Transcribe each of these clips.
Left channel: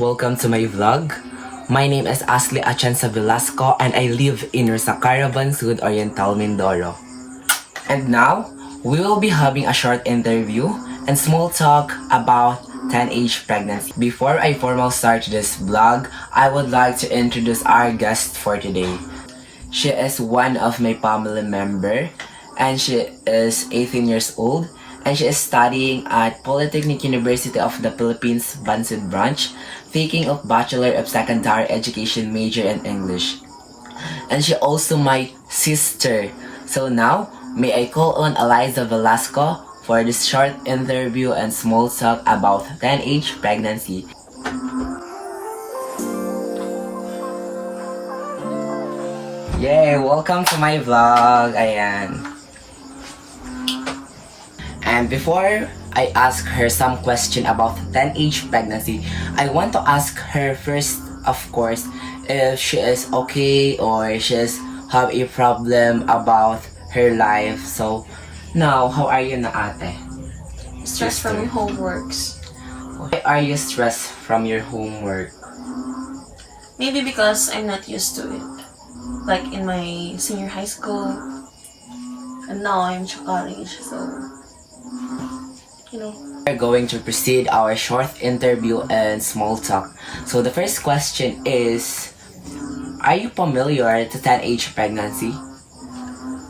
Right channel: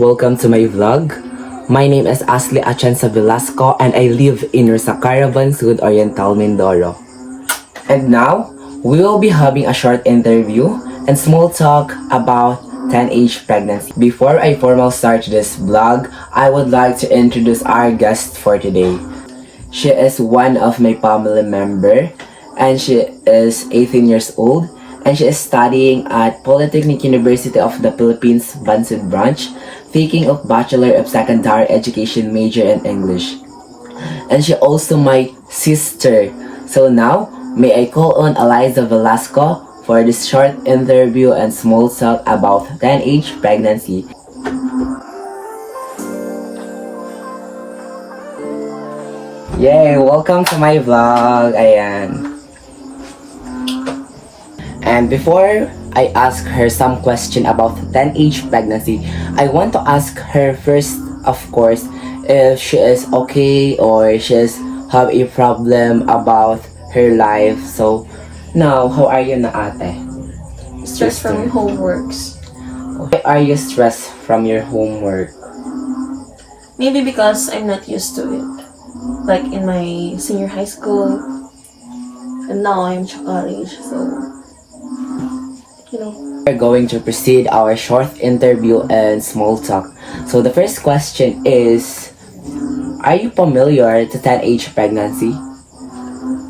welcome to my vlog. My name is Ashley Achanza Velasco and I live in Caravan, Sud Oriental, Mindoro. And now, we will be having a short interview and small talk about 10age pregnancy. Before I formally start this vlog, I would like to introduce our guest for today. She is one of my family member and she is 18 years old and she is studying at Polytechnic University of the Philippines, Bansud branch, taking of Bachelor of Secondary Education major in English. And she also my sister. So now, may I call on Eliza Velasco for this short interview and small talk about 10age pregnancy. Yay! Welcome to my vlog. Ayan. And before I ask her some question about 10age pregnancy, I want to ask her first, of course, if she is okay or she is have a problem about her life. So, now, how are you na ate? Stress from your homeworks. Why are you stressed from your homework? Maybe because I'm not used to it. Like in my senior high school, and now I'm to college, so We're going to proceed our short interview and small talk. So the first question is, are you familiar to 10age pregnancy?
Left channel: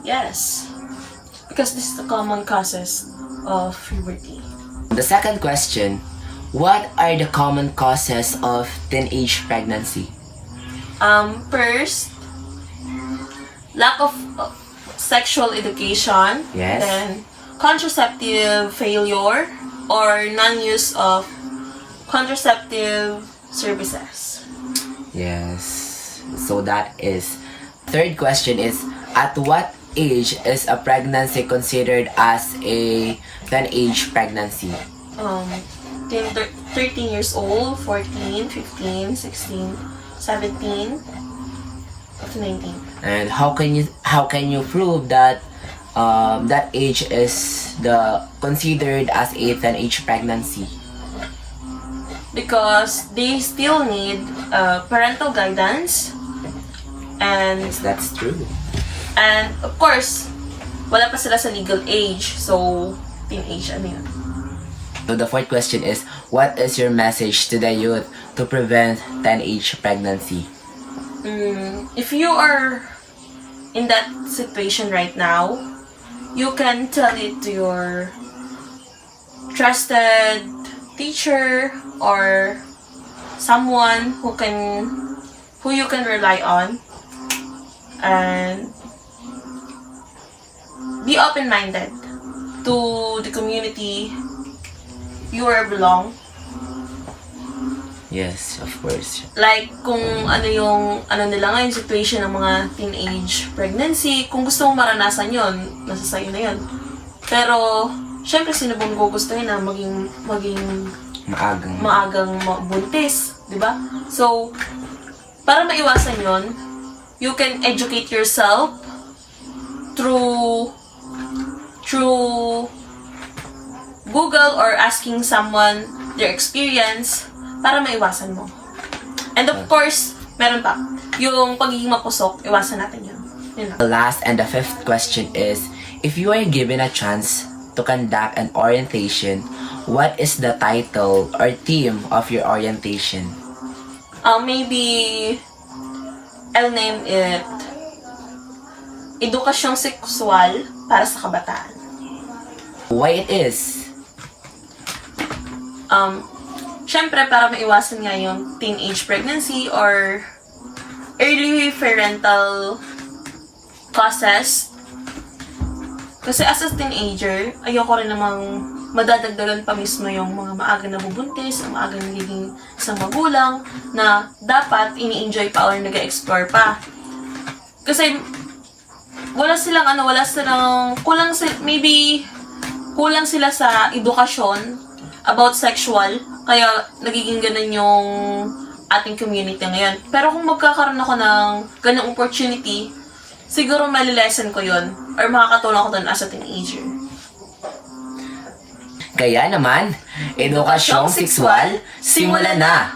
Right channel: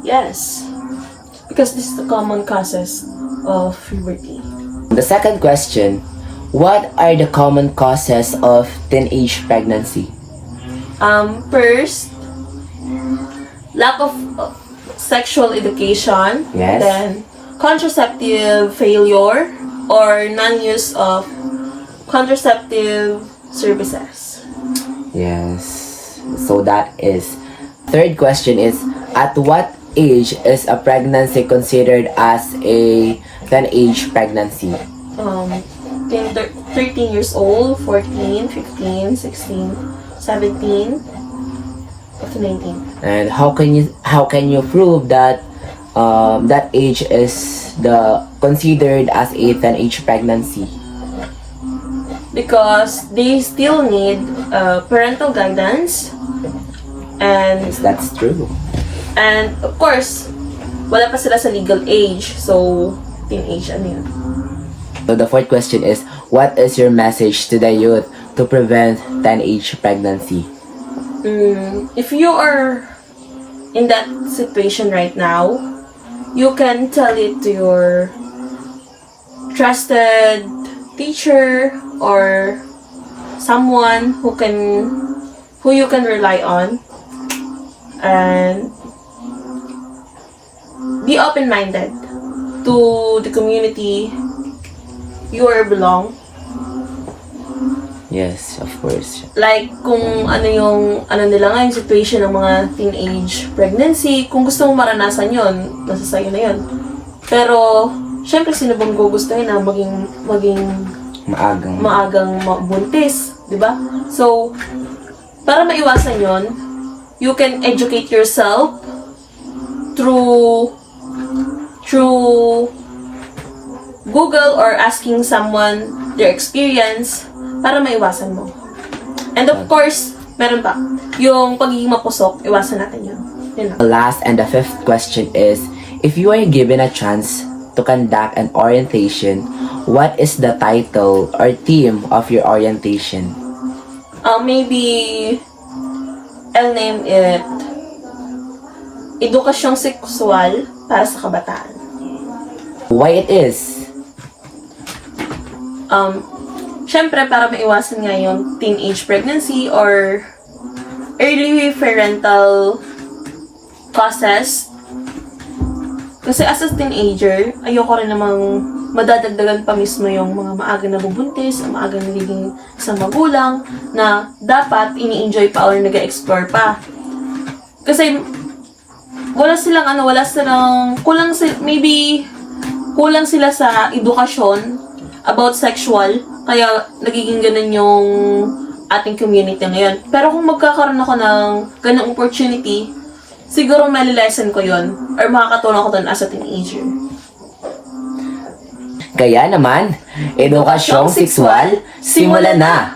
yes, because this is the common causes of puberty. The second question, what are the common causes of teenage pregnancy? First, lack of sexual education. Yes. Then contraceptive failure or non-use of contraceptive services. Yes. So that is. Third question is, at what age is a pregnancy considered as a 10age pregnancy? 13 years old, 14, 15, 16, 17, up to 19. And how can you prove that that age is considered as a 10age pregnancy? Because they still need parental guidance, and Yes, that's true. and of course, wala pa sila sa legal age, so teenage ano yun. So the fourth question is, what is your message to the youth to prevent 10age pregnancy? If you are in that situation right now, you can tell it to your trusted teacher or someone who you can rely on, and be open-minded to the community you belong. Yes, of course. Like, kung ano nila nga yung situation ng mga teenage pregnancy, kung gusto mo maranasan yon, nasa sayo na yon. Pero, syempre, sino bang gugustuhin na maging maagang buntis, di ba? So, para maiwasan yon, you can educate yourself through Google or asking someone their experience para maiwasan mo. And of course, meron pa, yung pagiging mapusok, iwasan natin yun. Yun lang. The last and the fifth question is, if you are given a chance to conduct an orientation, what is the title or theme of your orientation? Maybe, I'll name it Edukasyong Sexual para sa Kabataan. Why it is? Syempre, para maiwasan nga yung teenage pregnancy or early parental causes. Kasi as a teenager, ayoko rin namang madadagdagan pa mismo yung mga maagang nabubuntis, ang maagang nagiging isang magulang na dapat ini-enjoy pa or nag-explore pa. Kasi kulang sila sa edukasyon about sexual, kaya nagiging ganun yung ating community ngayon. Pero kung magkakaroon ako ng ganung opportunity, siguro malilesen ko yun or makakatulong ako doon as a teenager. Kaya naman, edukasyong sexual, simulan na!